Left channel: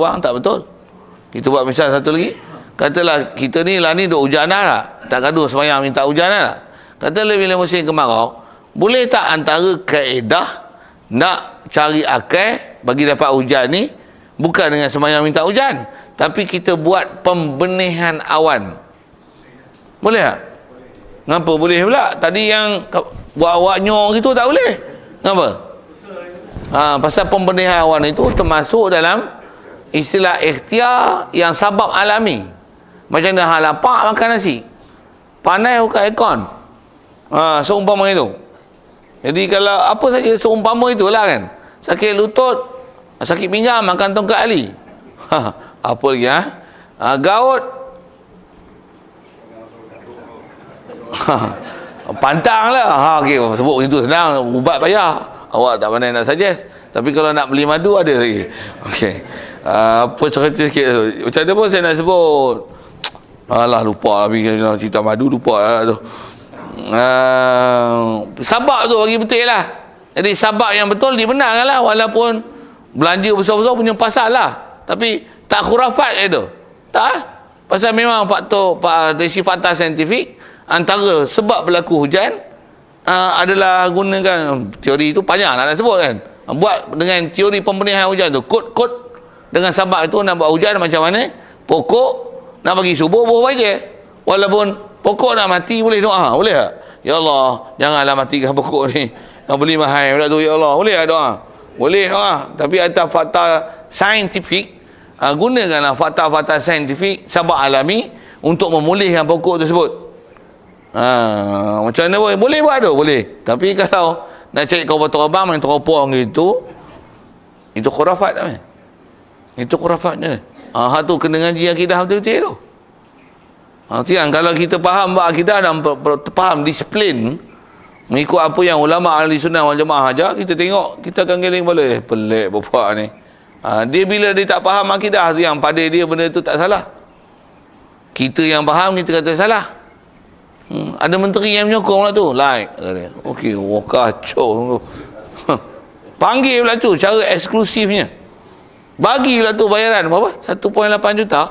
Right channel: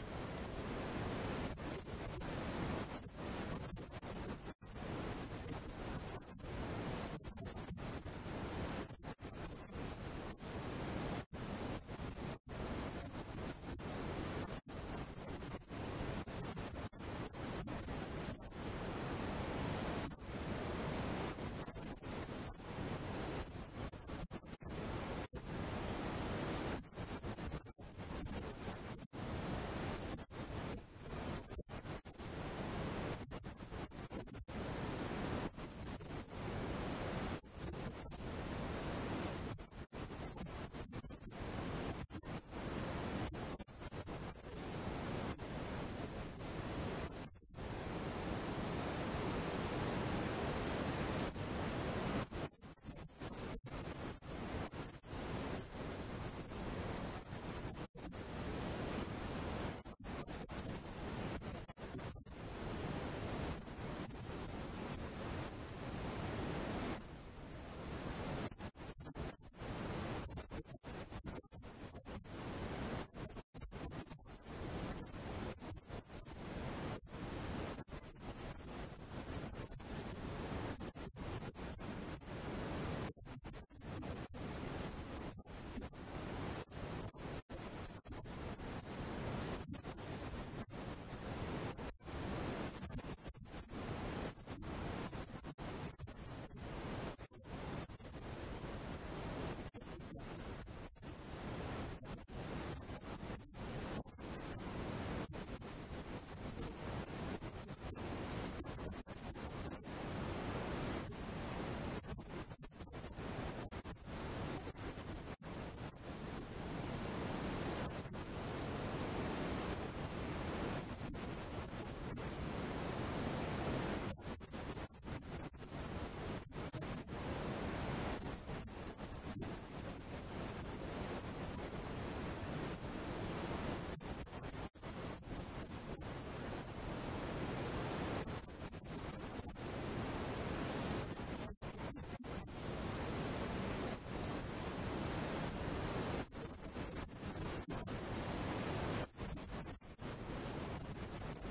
Bang, tak betul. Kita buat misal satu lagi. Katalah kita ni lah ni duk hujan dah. Tak gaduh semayang minta hujan dah. Katalah bila musim kemarau, boleh tak antara kaedah nak cari akal bagi dapat hujan ni bukan dengan semayang minta hujan, tapi kita buat pembenihan awan. Boleh tak? Ngapa boleh pula? Tadi yang buat awak nyor gitu tak boleh. Ngapa? Pasal pembenihan awan itu termasuk dalam istilah ikhtiar yang sabab alami. Macam dah hal lapar makan nasi, panas buka aircon, seumpama itu. Jadi kalau apa saja seumpama itulah kan. Sakit lutut, sakit pinggang makan tongkat ali. Apa lagi gaut, pantang lah. Okay, sebut begitu senang, ubat payah. Awak tak pandai nak suggest. Tapi kalau nak beli madu ada lagi. Okey. Apa cerita sikit tu. Macam mana pun saya nak sebut. Alah lupa lah cerita madu, lupa lah tu. Sabab tu bagi betul lah. Jadi sabab yang betul dibenarkan lah. Walaupun belanja besar-besar punya pasal lah. Tapi tak khurafat tu. Tak. Pasal memang dari fakta saintifik, antara sebab berlaku hujan adalah gunakan teori itu panjang nak sebut kan. Buat dengan teori pembenihan hujan tu. Kod-kod dengan sabab itu nak buat hujan macam mana. Pokok nak bagi subuh buah baja. Walaupun pokok nak mati boleh doa. Boleh tak? Ya Allah, janganlah matikan pokok ni. Nak beli mahal pula tu, ya Allah. Boleh tak doa? Boleh doa. Tapi atas fakta saintifik, gunakanlah fakta-fakta saintifik sabab alami untuk memulihkan pokok tersebut. Macam mana boleh buat tu? Boleh. Tapi kalau nak cari kau terbang yang teropong gitu, itu khurafat tak? Itu khurafatnya. Hak tu kena ngaji akidah betul-betul tu. Tiang, kalau kita faham akidah dan faham disiplin mengikut apa yang ulama ahli sunnah wal jamaah ajar, kita tengok, kita akan geling boleh. Pelik bapak ni. Dia bila dia tak faham akidah tu, yang pada dia benda tu tak salah. Kita yang faham kita kata salah. Ada menteri yang menyokong lah tu. Like. Okey, wah kacau. Panggil pula tu secara eksklusifnya. Bagi pula tu bayaran berapa? 1.8 juta.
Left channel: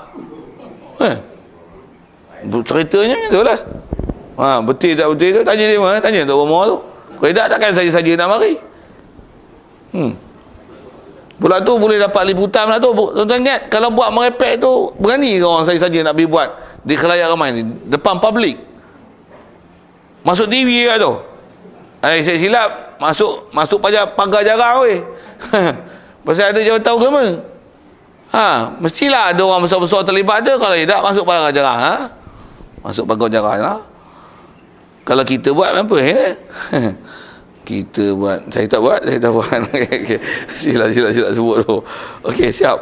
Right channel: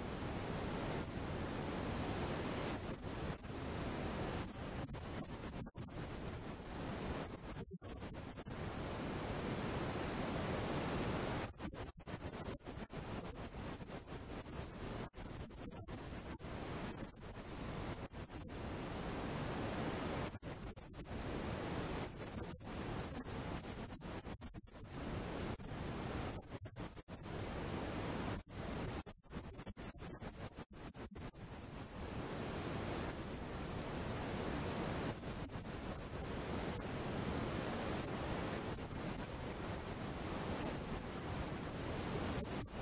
Ceritanya tu lah. Betul tak betul tu tanya dia mana? Tanya tu rumah tu. Kalau tak takkan saja-saja nak mari. Pula tu boleh dapat liputan pula tu. Tuan-tuan ingat, kalau buat merepek tu, berani ke orang saja-saja nak pergi buat di khalayak ramai ni, depan public? Masuk TV lah tu. Saya silap, masuk pagar jarang weh. Pasal ada jawatan agama. Mestilah ada orang besar-besar terlibat dia. Kalau tidak, masuk pagar jarang. Masuk pagar jarang lah. Kalau kita buat apa kita buat. Saya tak buat. Okay. Sila sebut tu. Okey, siap.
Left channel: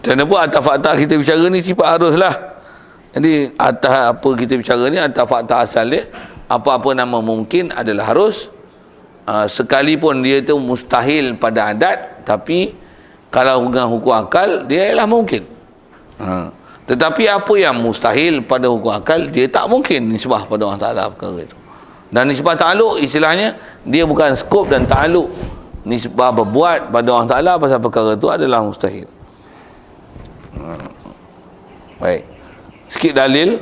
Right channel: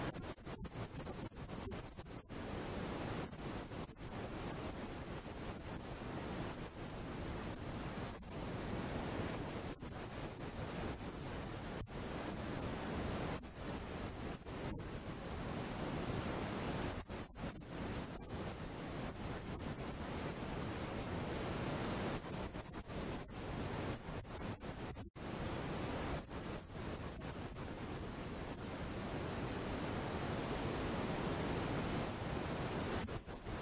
Macam mana pun atas fakta kita bicara ni sifat harus lah. Jadi atas apa kita bicara ni, atas fakta asal dia, apa-apa nama mungkin adalah harus. Sekalipun dia tu mustahil pada adat, tapi kalau dengan hukum akal dia ialah mungkin. Tetapi apa yang mustahil pada hukum akal, dia tak mungkin nisbah pada Allah Ta'ala perkara itu. Dan nisbah ta'aluk istilahnya, dia bukan skop dan ta'aluk. Nisbah berbuat pada Allah Ta'ala pasal perkara itu adalah mustahil. Baik. Sikit dalil.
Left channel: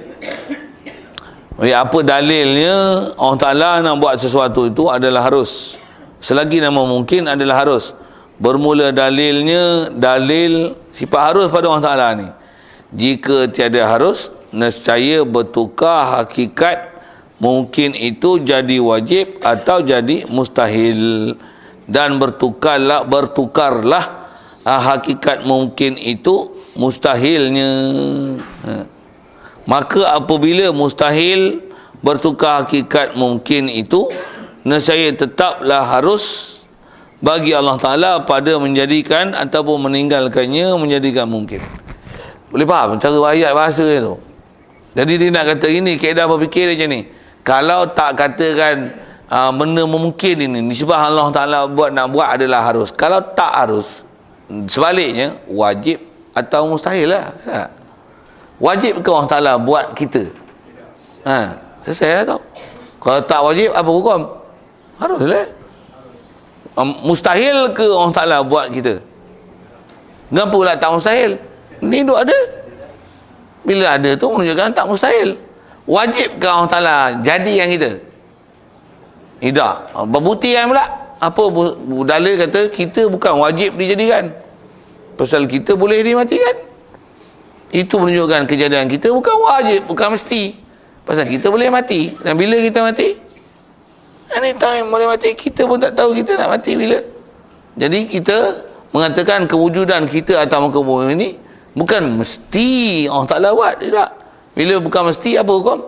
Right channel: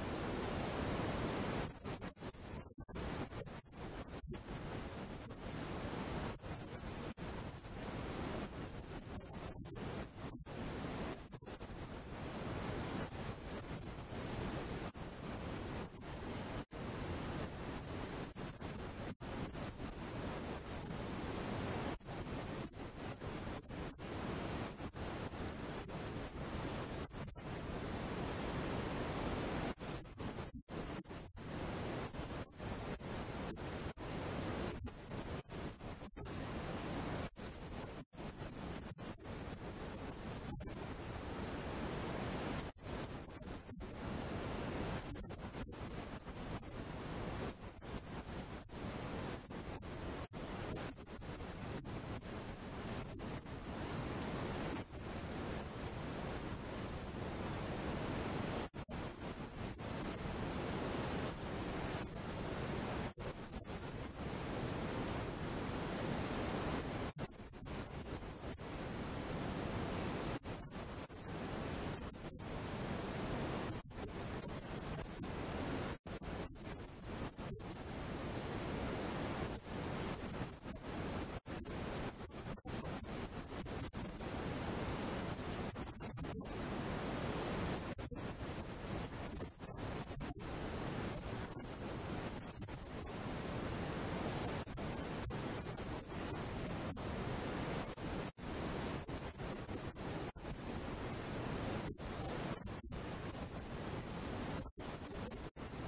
Apa dalilnya Allah Ta'ala nak buat sesuatu itu adalah harus. Selagi nama mungkin adalah harus. Bermula dalilnya, dalil sifat harus pada Allah Ta'ala ni. Jika tiada harus, nescaya bertukar hakikat mungkin itu jadi wajib atau jadi mustahil. Dan bertukarlah hakikat mungkin itu mustahilnya. Maka apabila mustahil bertukar hakikat mungkin itu, nescaya tetaplah harus bagi Allah Ta'ala pada menjadikan ataupun meninggalkannya menjadikan mungkin. Boleh faham cara ayat bahasa dia tu? Jadi dia nak kata ini, kaedah berfikir dia macam ni. Kalau tak katakan benda memungkin ini, nisbah Allah Ta'ala nak buat adalah harus. Kalau tak harus, sebaliknya wajib atau mustahil lah. Wajib ke Allah Ta'ala buat kita? Selesai lah tau. Kalau tak wajib, apa hukum? Harus lah. Mustahil ke Allah Ta'ala buat kita? Kenapa pula tak mustahil? Ni duk ada. Bila ada tu menunjukkan tak mustahil. Wajibkah Allah Ta'ala jadikan kita? Tidak. Berbuktikan pula. Apa dalil kata kita bukan wajib dijadikan. Pasal kita boleh dimatikan. Itu menunjukkan kejadian kita bukan wajib, bukan mesti. Pasal kita boleh mati. Dan bila kita mati? Anytime boleh mati. Kita pun tak tahu kita nak mati bila. Jadi kita mengatakan kewujudan kita atas muka bumi ini bukan mesti Allah Ta'ala buat. Tidak. Bila bukan mesti, apa hukum?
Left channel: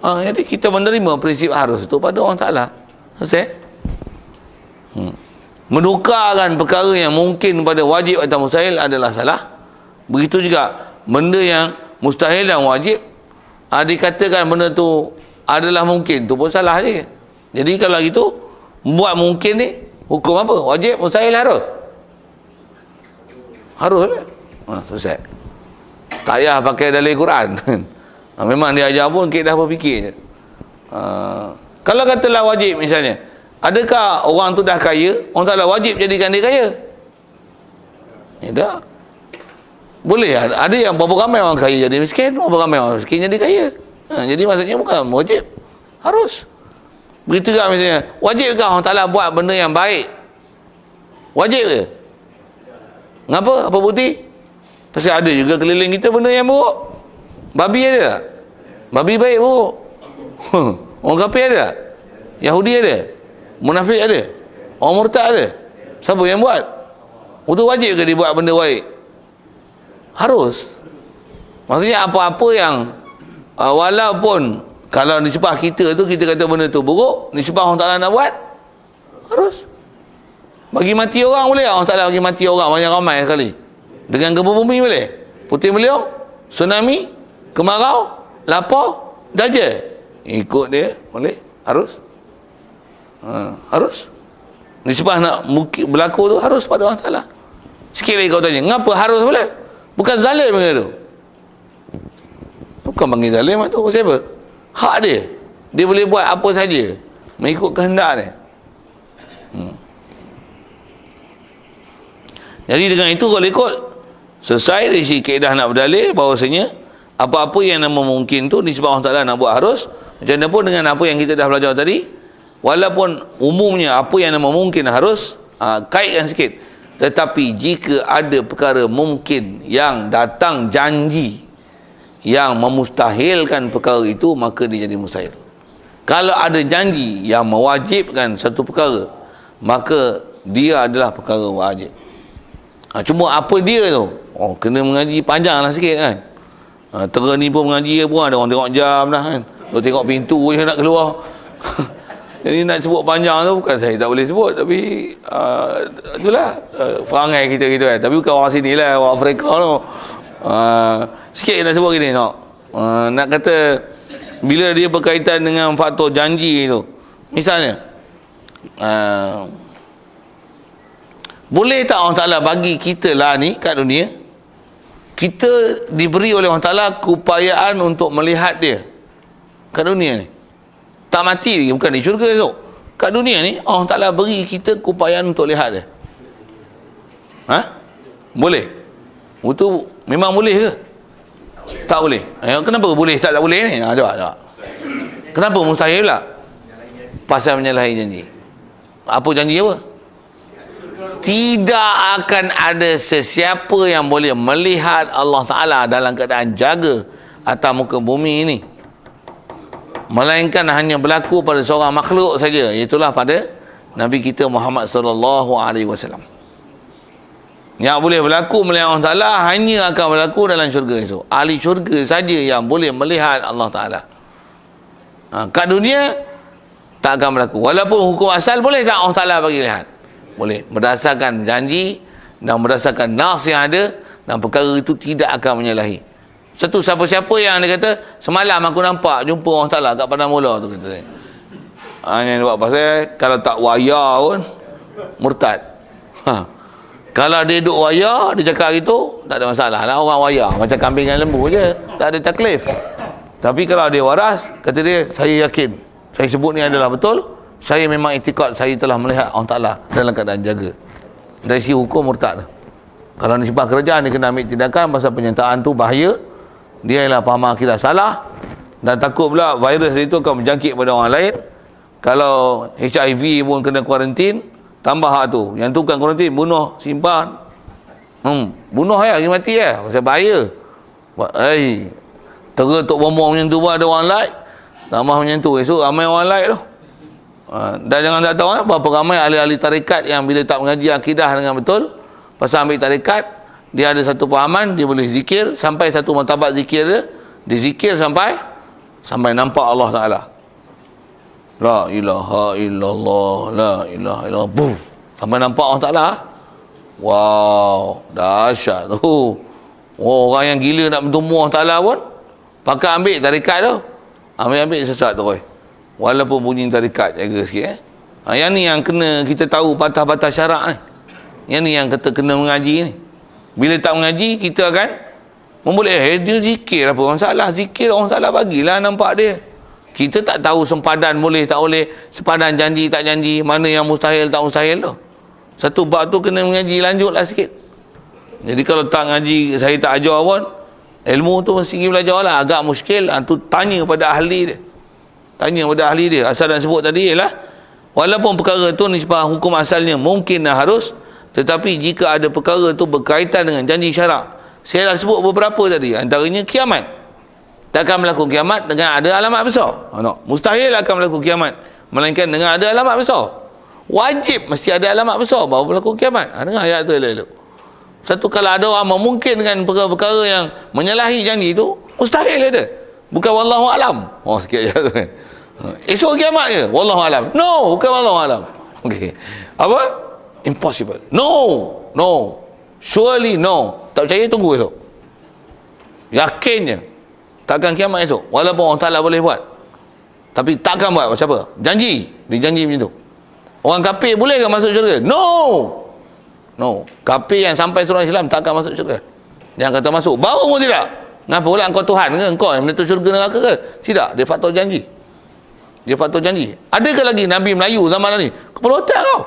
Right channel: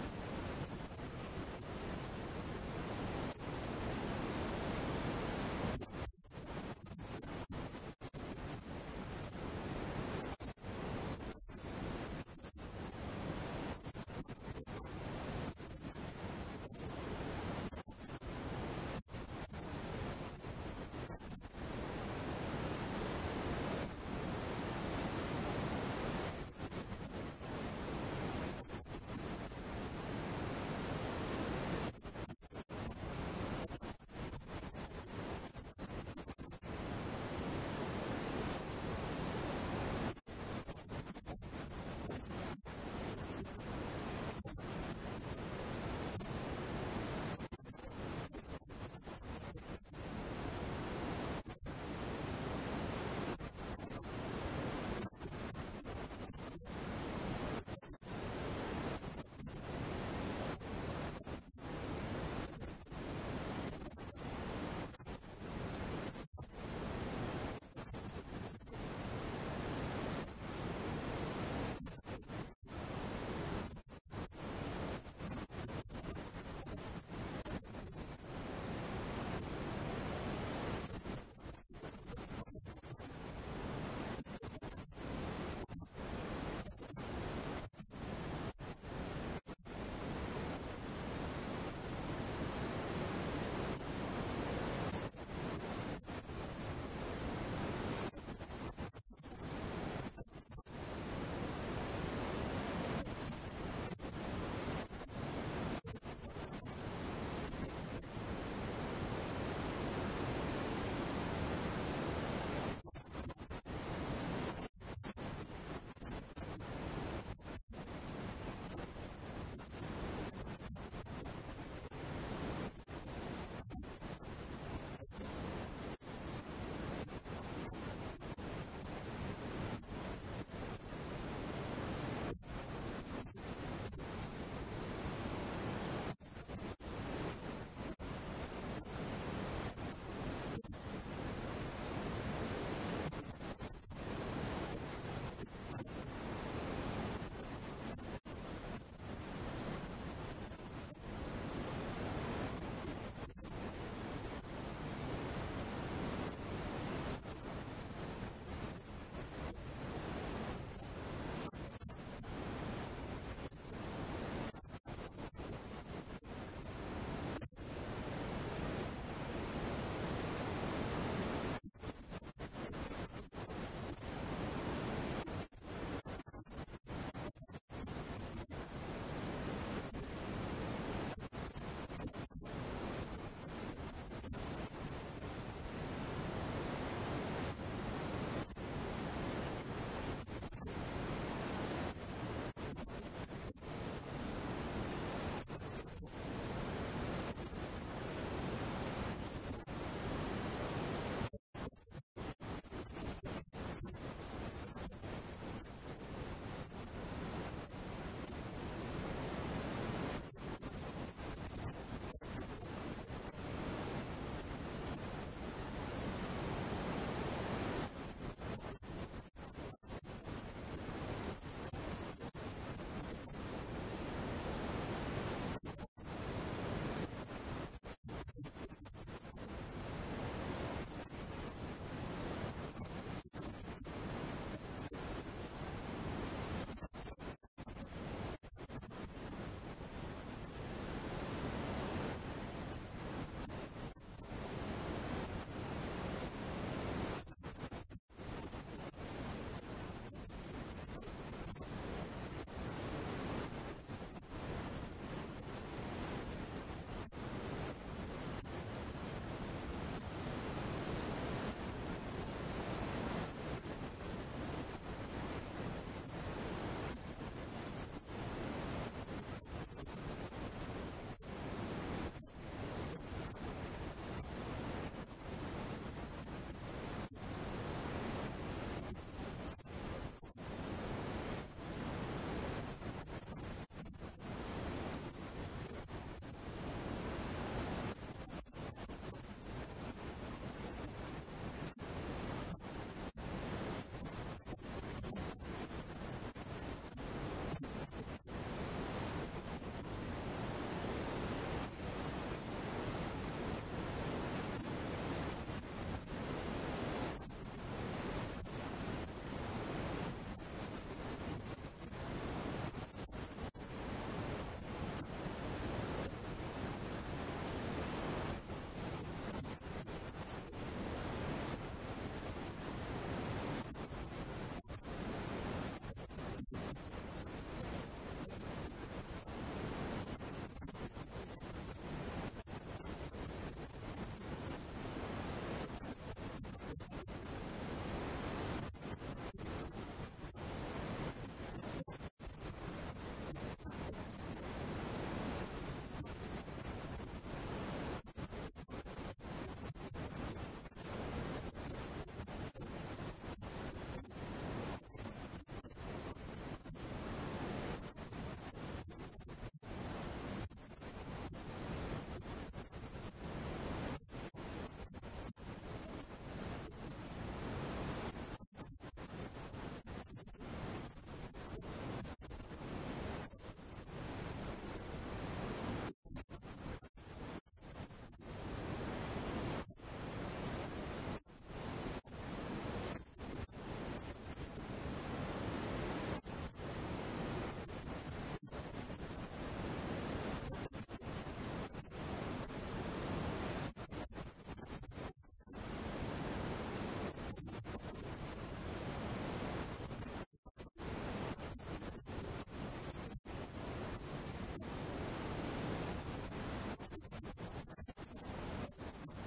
Jadi kita menerima prinsip harus itu pada Allah Ta'ala. Selesai? Menukarkan perkara yang mungkin pada wajib atau mustahil adalah salah. Begitu juga benda yang mustahil dan wajib, dikatakan benda tu adalah mungkin, tu pun salah je. Jadi kalau gitu, buat mungkin ni hukum apa? Wajib, mustahil, harus? Harus lah. Selesai. Tak payah pakai dalil Quran. Memang dia ajar pun kita dah berfikir je. Kalau katalah wajib misalnya, adakah orang tu dah kaya, orang Ta'ala wajib jadikan dia kaya? Tidak. Boleh. Ada yang berapa ramai orang kaya jadi miskin, berapa ramai orang miskin jadi kaya. Jadi maksudnya bukan wajib, harus. Begitu juga misalnya, wajibkah Allah Ta'ala buat benda yang baik? Wajib ke? Ngapa? Apa bukti? Pasal ada juga keliling kita benda yang buruk. Babi ada tak? Babi baik buruk. Orang kafir ada tak? Yahudi ada? Munafik ada? Orang murtad ada? Siapa yang buat? Itu wajib ke dia buat benda baik? Harus. Maksudnya apa-apa yang walaupun kalau nisbah kita tu kita kata benda tu buruk, nisbah Allah Ta'ala nak buat, harus. Bagi mati orang boleh? Allah Ta'ala bagi mati orang banyak ramai sekali. Dengan gempa bumi boleh? Puting beliung, tsunami, kemarau, lapar, dajjal. Ikut dia boleh? Harus. Harus. Nisbah nak berlaku tu harus pada Allah Ta'ala. Sikit lagi kau tanya, ngapa harus boleh? Bukan zalim ke tu? Bukan panggil zalim tu, siapa? Hak dia. Dia boleh buat apa saja mengikut kehendak dia. Jadi dengan itu kalau ikut selesai dari si kaedah nak berdalil bahawasanya apa-apa yang nama mungkin tu nisbah Allah Ta'ala nak buat harus. Macam mana pun dengan apa yang kita dah belajar tadi, walaupun umumnya apa yang nama mungkin harus, kaitkan sikit. Tetapi jika ada perkara mungkin yang datang janji yang memustahilkan perkara itu, maka dia jadi mustahil. Kalau ada janji yang mewajibkan satu perkara, maka dia adalah perkara wajib. Cuma apa dia tu? Kena mengaji panjang lah sikit kan. Tera ni pun mengaji pun ada orang tengok jam dah kan. Dia tengok pintu je nak keluar. Jadi nak sebut panjang tu bukan saya tak boleh sebut, tapi itulah perangai kita gitu kan. Tapi bukan orang sini lah, orang Afrika tu. Sikit nak sebut gini nak. Nak kata bila dia berkaitan dengan faktor janji tu. Misalnya boleh tak Allah Ta'ala bagi kita lah ni kat dunia, kita diberi oleh Allah Ta'ala keupayaan untuk melihat dia kat dunia ni. Tak mati lagi, bukan di syurga esok. Kat dunia ni Allah Ta'ala beri kita keupayaan untuk lihat dia. Boleh? Itu memang boleh ke? Tak boleh. Kenapa boleh tak boleh ni? Jawab. Kenapa mustahil pula? Pasal menyalahi janji. Apa janji apa? Tidak akan ada sesiapa yang boleh melihat Allah Ta'ala dalam keadaan jaga atas muka bumi ini, melainkan hanya berlaku pada seorang makhluk saja, iaitulah pada Nabi kita Muhammad sallallahu alaihi wasallam. Yang boleh berlaku melihat Allah Ta'ala hanya akan berlaku dalam syurga esok. Ahli syurga saja yang boleh melihat Allah Ta'ala. Kat dunia tak akan berlaku. Walaupun hukum asal boleh tak Allah Ta'ala bagi lihat? Boleh. Berdasarkan janji dan berdasarkan nas yang ada, dan perkara itu tidak akan menyalahi. Satu siapa-siapa yang dia kata semalam aku nampak jumpa Allah Ta'ala kat padang mula tu, kata saya. Yang buat pasal kalau tak waya pun murtad. Kalau dia duduk waya, dia cakap gitu, tak ada masalah lah, orang waya macam kambing dan lembu je, tak ada taklif. Tapi kalau dia waras, kata dia, saya yakin saya sebut ni adalah betul, saya memang itikad saya telah melihat Allah Ta'ala dalam keadaan jaga. Dari sisi hukum murtad. Kalau nisbah kerajaan, dia kena ambil tindakan pasal penyertaan tu bahaya. Dia ialah faham akidah salah. Dan takut pula virus itu akan menjangkit pada orang lain. Kalau HIV pun kena kuarantin, tambah hak tu. Yang tu kan kuarantin, bunuh, simpan. Bunuh ya, pergi mati ya. Pasal bahaya. Teretuk bombong macam tu pun ada orang like. Tambah macam tu, esok ramai orang like tu. Dan jangan tak tahu berapa ramai ahli-ahli tarikat yang bila tak mengaji akidah dengan betul, pasal ambil tarikat, dia ada satu pahaman, dia boleh zikir sampai satu martabat zikir dia zikir sampai nampak Allah Ta'ala. La ilaha illallah, la ilaha illallah, boom, sampai nampak Allah Ta'ala. Wow, dahsyat tu. Orang yang gila nak bertemu Allah Ta'ala pun pakai ambil tarikat tu, ambil sesat tu. Walaupun bunyi tarikat, jaga sikit. Yang ni yang kena kita tahu batas-batas syarak ni. Yang ni yang kita kena mengaji ni. Bila tak mengaji, kita akan memboleh dia zikir apa masalah. Zikir orang salah bagilah nampak dia. Kita tak tahu sempadan boleh tak boleh, sepadan janji tak janji, mana yang mustahil tak mustahil tu. Satu bab tu kena mengaji lanjutlah sikit. Jadi kalau tak ngaji, saya tak ajar pun, ilmu tu mesti pergi belajar lah. Agak muskil, tu tanya pada ahli dia. Tanya pada ahli dia. Asal dan sebut tadi ialah, walaupun perkara tu nisbah hukum asalnya mungkin dan harus, tetapi jika ada perkara tu berkaitan dengan janji syarak, saya dah sebut beberapa tadi, antaranya kiamat. Takkan berlaku kiamat dengan ada alamat besar. Mustahil akan berlaku kiamat melainkan dengan ada alamat besar. Wajib mesti ada alamat besar baru berlaku kiamat. Dengar ayat tu elok-elok. Satu, kalau ada orang memungkinkan perkara-perkara yang menyalahi janji itu, mustahil ada. Bukan wallahu alam. Sikit je tu kan. Esok kiamat ke? Wallahu alam. No, bukan wallahu alam. Okey. Apa? Impossible. No. Surely no. Tak percaya, tunggu esok. Yakinnya takkan kiamat esok. Walaupun orang Ta'ala boleh buat, tapi takkan buat. Macam apa? Janji. Dia janji macam tu. Orang kafir boleh ke masuk syurga? No. Kafir yang sampai surah Islam takkan masuk syurga. Yang kata masuk, baru pun tidak. Kenapa pula engkau Tuhan ke? Engkau yang menentu syurga neraka ke? Tidak. Dia faktor janji. Adakah lagi Nabi Melayu zaman ni? Kepala otak kau.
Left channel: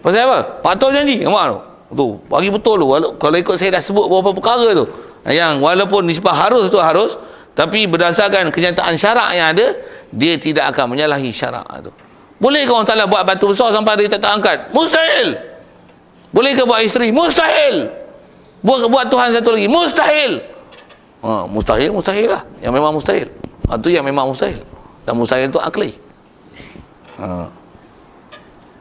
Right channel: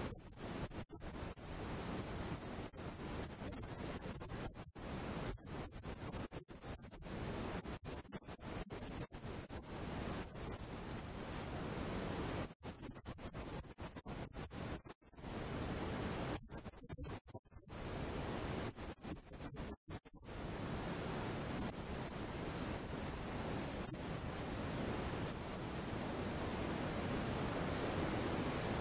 Pasal apa? Faktor janji. Nampak tu? Tu, bagi betul tu. Kalau ikut saya dah sebut beberapa perkara tu, yang walaupun nisbah harus tu harus, tapi berdasarkan kenyataan syarak yang ada, dia tidak akan menyalahi syarak tu. Boleh ke orang Ta'ala buat batu besar sampai dia tak angkat? Mustahil. Boleh ke buat isteri? Mustahil. Buat Tuhan satu lagi? Mustahil. Mustahil lah. Yang memang mustahil. Itu yang memang mustahil. Dan mustahil itu akli.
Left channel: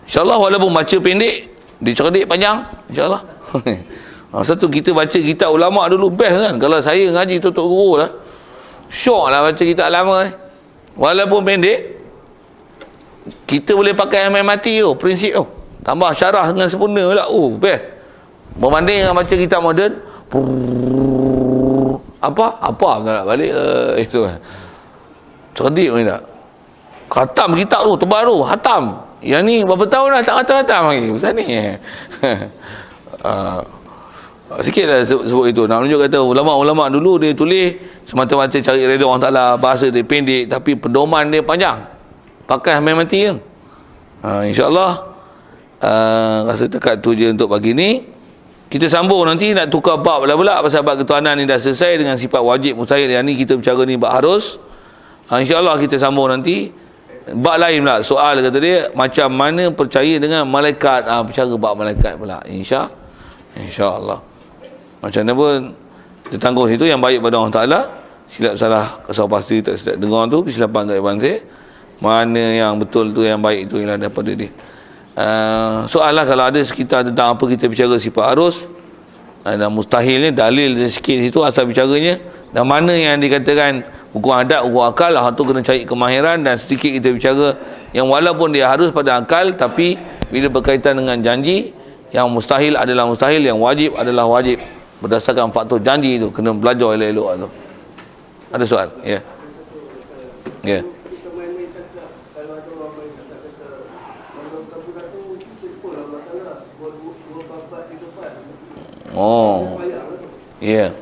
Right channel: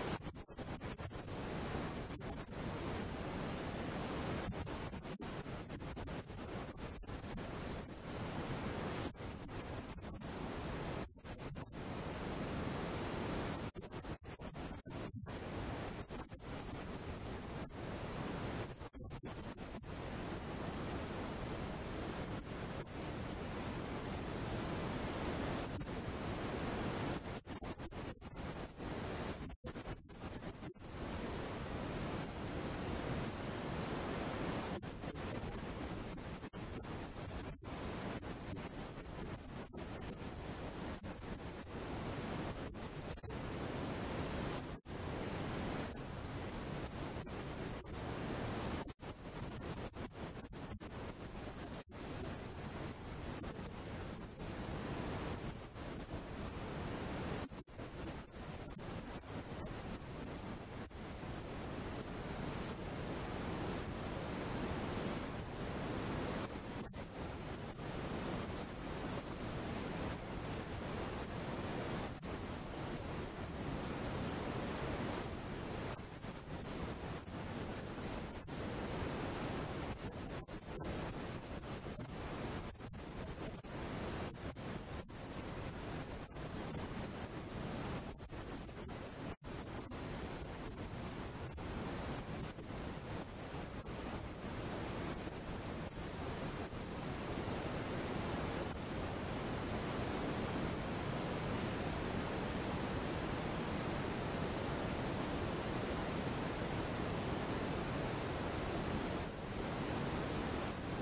InsyaAllah walaupun baca pendek, dicerdik panjang, insyaAllah. Satu, kita baca kitab ulama' dulu best kan. Kalau saya ngaji tutup guru lah, syok lah baca kitab lama ni. Walaupun pendek, kita boleh pakai yang main mati tu, prinsip tu. Tambah syarah dengan sempurna pula. Best. Berbanding dengan baca kitab moden, apa nak balik itu kan. Cerdik pun tak. Khatam kitab tu, tebal tu, hatam. Yang ni berapa tahun dah tak khatam-khatam lagi. Pasal ni. Sikit lah sebut itu. Nak menunjuk kata ulama' dulu dia tulis semata-mata cari redha Allah Ta'ala, bahasa dia pendek tapi pedoman dia panjang. Pakai main mati je. InsyaAllah rasa dekat tu je untuk pagi ni. Kita sambung nanti nak tukar bab pula pasal bab ketuhanan ni dah selesai dengan sifat wajib mustahil. Yang ni kita bicara ni bab harus. InsyaAllah kita sambung nanti bab lain pula. Soal kata dia, macam mana percaya dengan malaikat. Bicara bab malaikat pula. InsyaAllah. Macam mana pun kita tangguh situ yang baik pada Allah Ta'ala. Silap salah kasar pasti tak silap dengar tu, kesilapan kat Iban saya. Mana yang betul tu, yang baik tu ialah daripada dia. Soal lah kalau ada sekitar tentang apa kita bicara sifat harus dan mustahilnya, dalil dia sikit situ asal bicaranya, dan mana yang dikatakan hukum adat, hukum akal lah, tu kena cari kemahiran. Dan sedikit kita bicara yang walaupun dia harus pada akal, tapi bila berkaitan dengan janji, yang mustahil adalah mustahil, yang wajib adalah wajib berdasarkan faktor janji itu. Kena belajar elok-elok tu. Ada soal? Ya. Ya. Ya.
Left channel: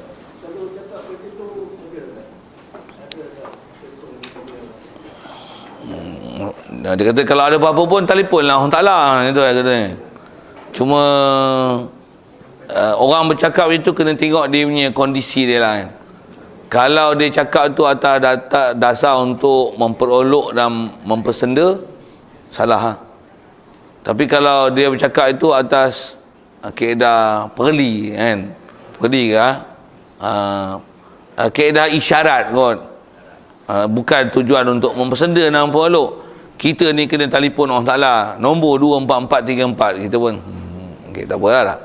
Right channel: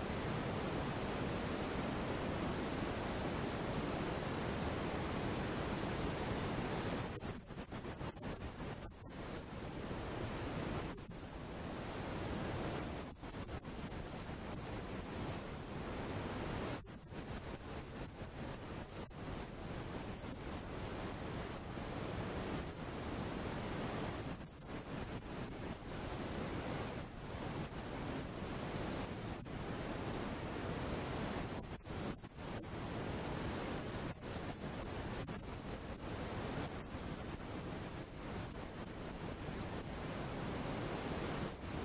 Dia kata kalau ada apa-apa pun telefon lah Allah Ta'ala. Itu saya kata. Cuma orang bercakap itu kena tengok dia punya kondisi dia lah kan. Kalau dia cakap tu atas dasar untuk memperolok dan mempersenda, salah. Tapi kalau dia bercakap itu atas kaedah perli kan, perli ke kaedah isyarat kot, bukan tujuan untuk mempersenda dan memperolok. Kita ni kena telefon Allah Ta'ala nombor 24434, kita pun okay, tak apalah lah.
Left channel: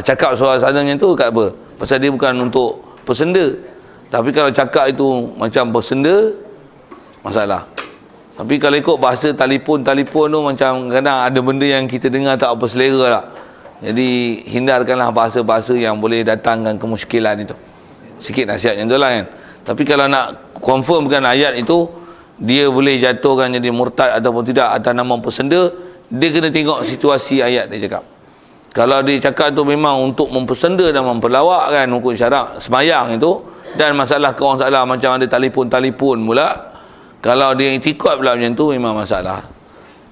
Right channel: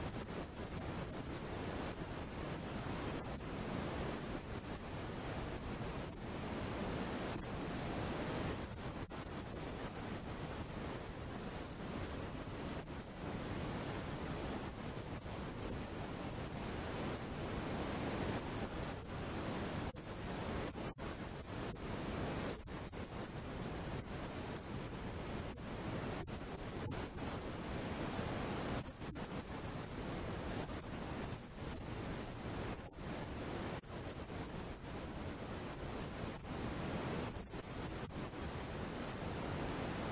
Cakap suara macam tu kat apa? Pasal dia bukan untuk persenda. Tapi kalau cakap itu macam bersenda, masalah. Tapi kalau ikut bahasa telefon tu macam kadang ada benda yang kita dengar tak apa selera lah. Jadi hindarkanlah bahasa-bahasa yang boleh datangkan kemusykilan itu. Sikit nasihat yang tu lah kan. Tapi kalau nak confirmkan ayat itu, dia boleh jatuhkan jadi murtad ataupun tidak atas nama persenda, dia kena tengok situasi ayat dia cakap. Kalau dia cakap tu memang untuk mempersenda dan memperlawakkan hukum syarak semayang itu, dan masalah ke orang Ta'ala macam ada telefon pula, kalau dia itikad pula macam tu, memang masalah.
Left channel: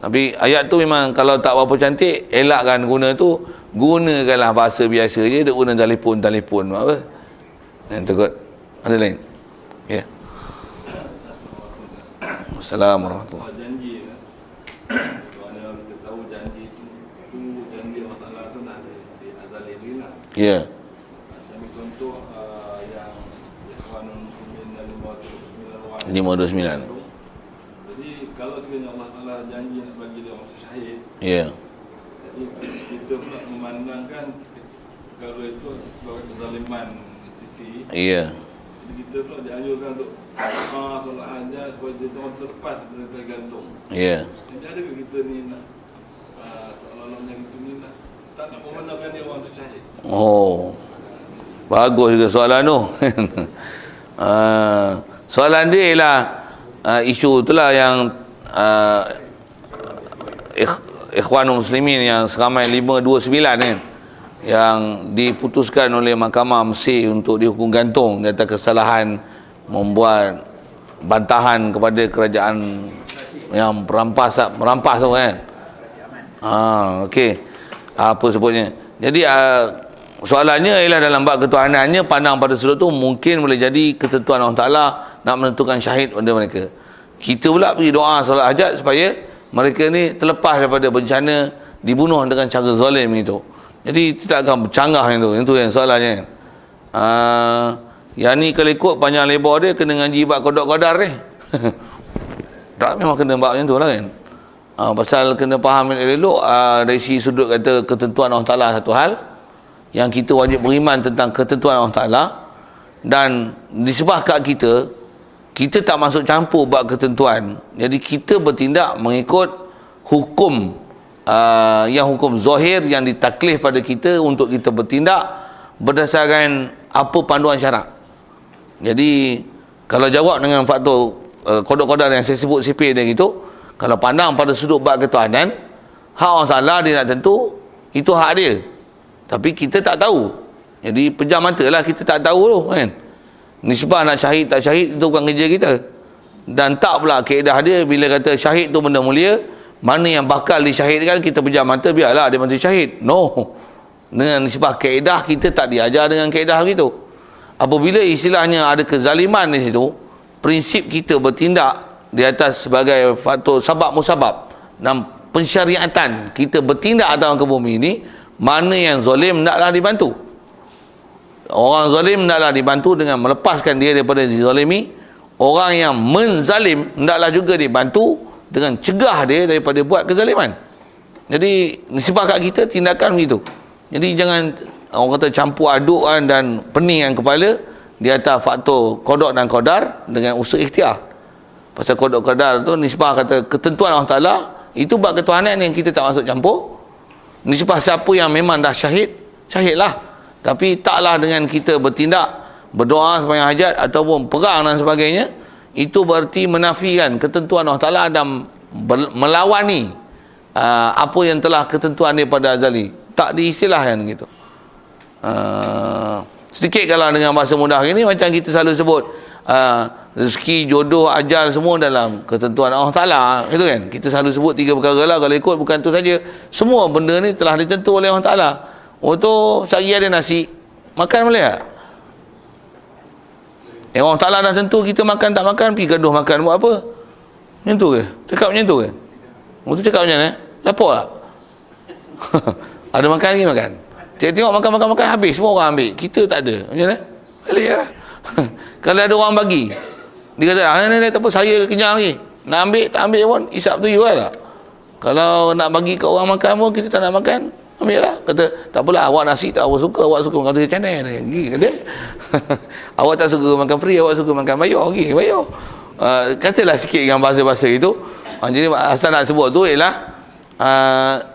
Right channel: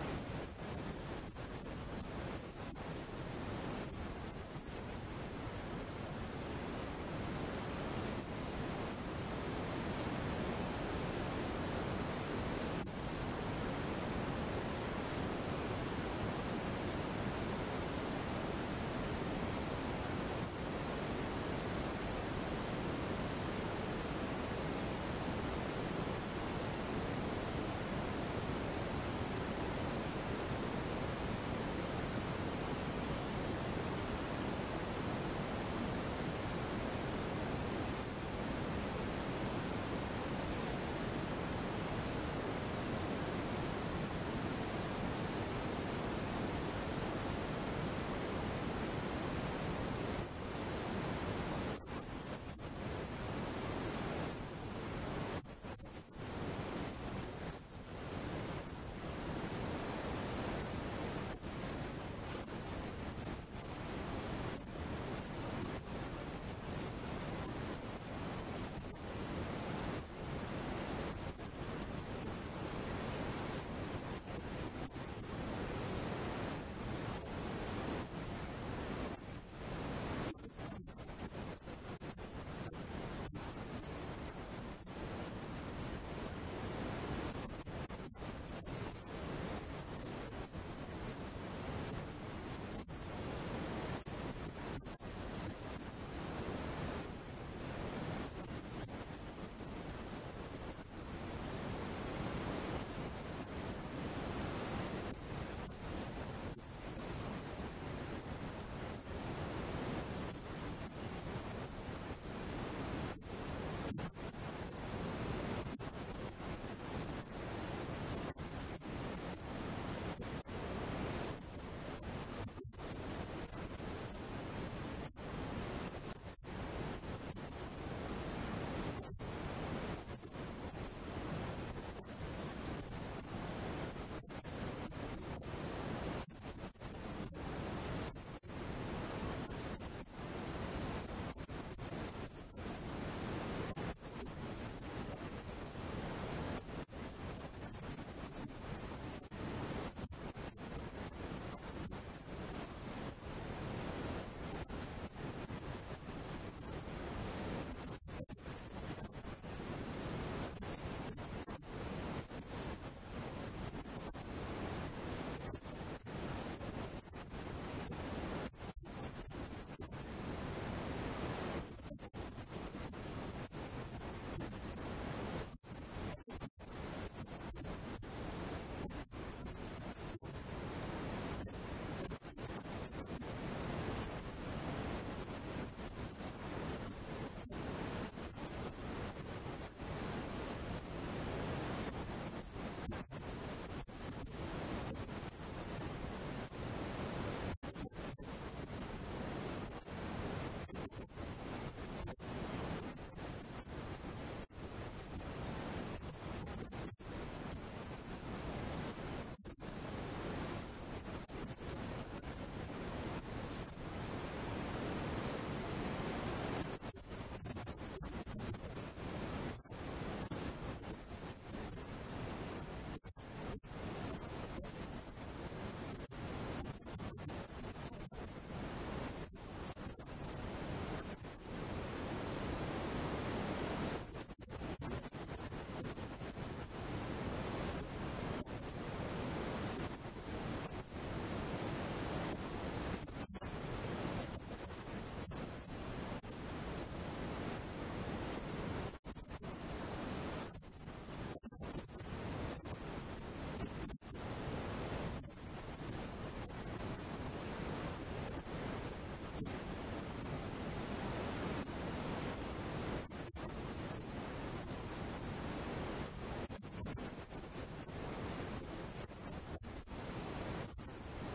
Tapi ayat tu memang kalau tak berapa cantik, elakkan guna tu, gunakanlah bahasa biasa je, dia guna telefon apa. Yang tu kot. Ada lain? Ya. Assalamualaikum warahmatullahi wabarakatuh. Ya. Ini 529. Jadi kalau sekiranya Allah Ta'ala janji bagi dia waktu syahid, ya, kita pula memandangkan kalau itu sebagai kezaliman sisi, ya, kita pula dianjurkan untuk solat hajat supaya dia terlepas dari tergantung. ya. Jadi ada ke kita ni nak soalan yang macam ni tak nak memandangkan dia waktu syahid? Oh, bagus juga soalan tu. Soalan dia ialah isu itulah yang Ikhwanul Muslimin yang seramai 529 kan, yang diputuskan oleh Mahkamah Mesir untuk dihukum gantung di atas kesalahan membuat bantahan kepada kerajaan yang merampas tu kan. Okey. Apa sebutnya? Jadi soalannya ialah dalam bab ketuhanannya, pandang pada sudut tu mungkin boleh jadi ketentuan Allah Ta'ala nak menentukan syahid pada mereka. Kita pula pergi doa solat hajat supaya mereka ni terlepas daripada bencana dibunuh dengan cara zalim itu. Jadi tidak akan bercanggah itu yang soalannya. Yang ni kalau ikut panjang lebar dia kena ngaji bab qada ni. Tak, memang kena bab macam tu lah kan. Pasal kena faham elok dari sisi sudut kata ketentuan Allah Ta'ala satu hal yang kita wajib beriman tentang ketentuan Allah Ta'ala, dan disebabkan kat kita tak masuk campur bab ketentuan. Jadi kita bertindak mengikut hukum yang hukum zahir yang ditaklif pada kita untuk kita bertindak berdasarkan apa panduan syarak. Jadi kalau jawab dengan faktor kodok-kodok yang saya sebut sipir dia gitu, kalau pandang pada sudut bab ketuhanan, hak Allah Ta'ala dia nak tentu, itu hak dia. Tapi kita tak tahu. Jadi pejam mata lah, kita tak tahu tu kan. Nisbah nak syahid tak syahid itu bukan kerja kita. Dan tak pula kaedah dia bila kata syahid tu benda mulia, mana yang bakal disyahidkan kita pejam mata biarlah dia mati syahid. No. Dengan nisbah kaedah kita tak diajar dengan kaedah begitu. Apabila istilahnya ada kezaliman di situ, prinsip kita bertindak di atas sebagai faktor sabab musabab dan pensyariatan kita bertindak atas ke bumi ini, mana yang zalim hendaklah dibantu. Orang zalim hendaklah dibantu dengan melepaskan dia daripada dizalimi. Orang yang menzalim hendaklah juga dibantu dengan cegah dia daripada buat kezaliman. Jadi nisbah kat kita tindakan begitu. Jadi jangan orang kata campur adukkan dan peningkan kepala di atas faktor qada dan qadar dengan usaha ikhtiar. Pasal qada qadar tu nisbah kata ketentuan Allah Ta'ala, itu bab ketuhanan yang kita tak masuk campur. Nisbah siapa yang memang dah syahid, syahidlah. Tapi taklah dengan kita bertindak, berdoa sembahyang hajat ataupun perang dan sebagainya, itu berarti menafikan ketentuan Allah Ta'ala dan melawani apa yang telah ketentuan dia pada azali. Tak diistilahkan gitu. Sedikit kalau dengan bahasa mudah ini, macam kita selalu sebut rezeki, jodoh, ajal semua dalam ketentuan Allah Ta'ala, itu kan. Kita selalu sebut tiga perkara lah. Kalau ikut bukan tu saja, semua benda ni telah ditentu oleh Allah Ta'ala. Oh tu sehari ada nasi, makan boleh tak? Allah Ta'ala dah tentu kita makan tak makan, pergi gaduh makan buat apa? Macam tu ke? Cakap macam tu ke? Maksud cakap macam mana? Lapor tak? Ada makan lagi makan. Tengok makan habis, semua orang ambil. Kita tak ada. Macam mana? Boleh lah. Kalau ada orang bagi, dia kata, tak apa, saya kenyang lagi. Nak ambil, tak ambil pun, isap tu you lah. Kalau nak bagi ke orang makan pun, kita tak nak makan, ambil lah. Kata, tak apalah, awak nasi tak awak suka kata macam mana? Kata, awak tak suka makan free, awak suka makan bayar, bayar. Katalah sikit dengan bahasa-bahasa itu. Jadi asal nak sebut tu ialah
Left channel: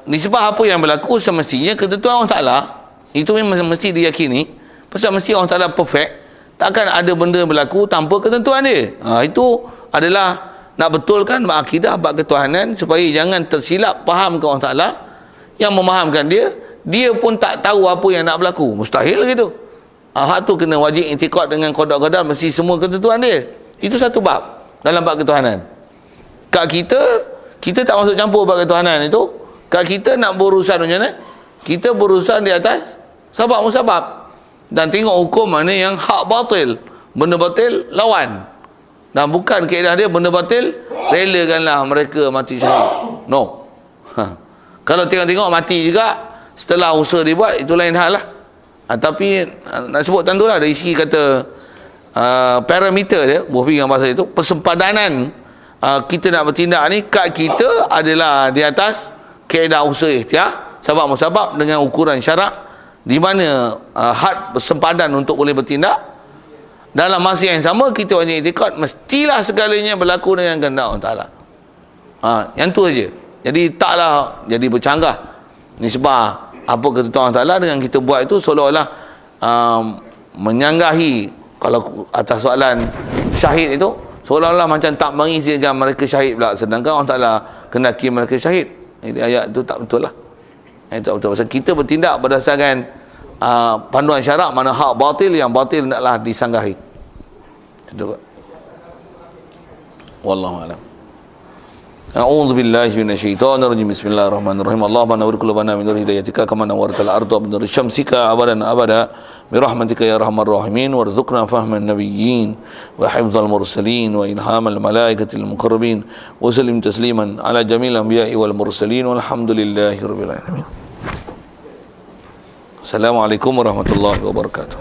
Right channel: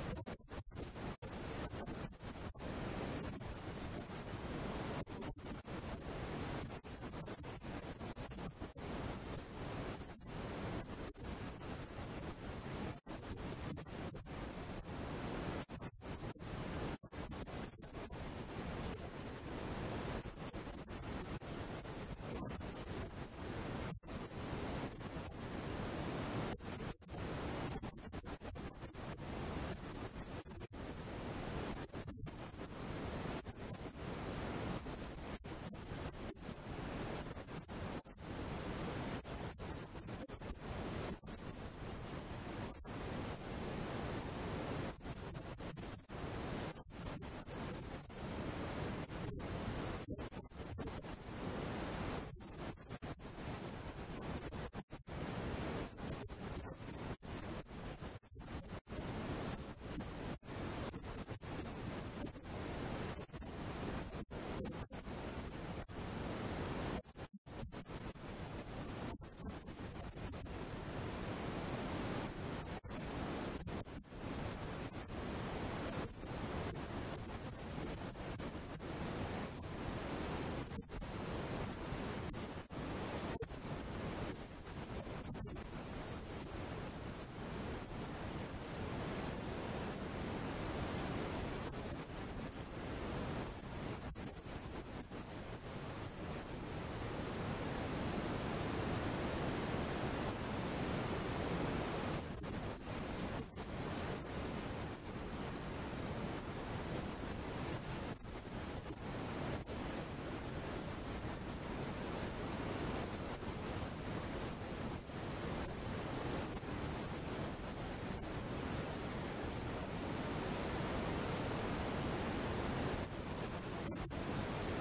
nisbah apa yang berlaku semestinya ketentuan Allah Ta'ala itu memang mesti diyakini. Pasal mesti Allah Ta'ala perfect, takkan ada benda berlaku tanpa ketentuan dia. Itu adalah nak betulkan akidah bab ketuhanan supaya jangan tersilap faham ke Allah Ta'ala. Yang memahamkan dia pun tak tahu apa yang nak berlaku. Mustahil gitu. Hak tu kena wajib i'tiqad dengan qada qadar, mesti semua ketentuan dia. Itu satu bab dalam bab ketuhanan. Kat kita tak masuk campur bab ketuhanan itu. Kat kita nak berurusan macam mana? Kita berurusan di atas sabab musabab. Dan tengok hukum mana yang hak batil. Benda batil, lawan. Dan bukan kaedah dia, benda batil, relakanlah mereka mati syahid. No. Kalau tengok-tengok mati juga, setelah usaha dibuat, itu lain hal lah. Tapi nak sebut tentu lah, dari segi kata parameter dia, buah dengan bahasa itu, persempadanan kita nak bertindak ni, kat kita adalah di atas kaedah usaha ikhtiar, sabab musabab dengan ukuran syarak, di mana had bersempadan untuk boleh bertindak. Dalam masa yang sama kita wajib i'tiqad mestilah segalanya berlaku dengan kehendak Allah Ta'ala. Yang tu aja. Jadi taklah jadi bercanggah nisbah apa ketentuan Allah Ta'ala dengan kita buat itu seolah-olah menyanggahi. Kalau atas soalan syahid itu seolah-olah macam tak mengizinkan mereka syahid pula, sedangkan Allah Ta'ala kendaki mereka syahid. Jadi ayat itu tak betul lah. Itu tak betul. Pasal kita bertindak berdasarkan panduan syarak, mana hak batil, yang batil hendaklah disanggahi. Itu kan. Wallahu a'lam. A'udzu billahi minasyaitonir rajim. Bismillahirrahmanirrahim. Allahumma nawwir qulubana min nur hidayatika kama nawwartal arda min nur syamsika abadan abada bi rahmatika ya arhamar rahimin warzuqna fahman nabiyyin wa hifdzal mursalin wa ilhamal malaikatil muqarrabin wa sallim tasliman ala jamil anbiya'i wal mursalin walhamdulillahi rabbil alamin. Assalamualaikum warahmatullahi wabarakatuh.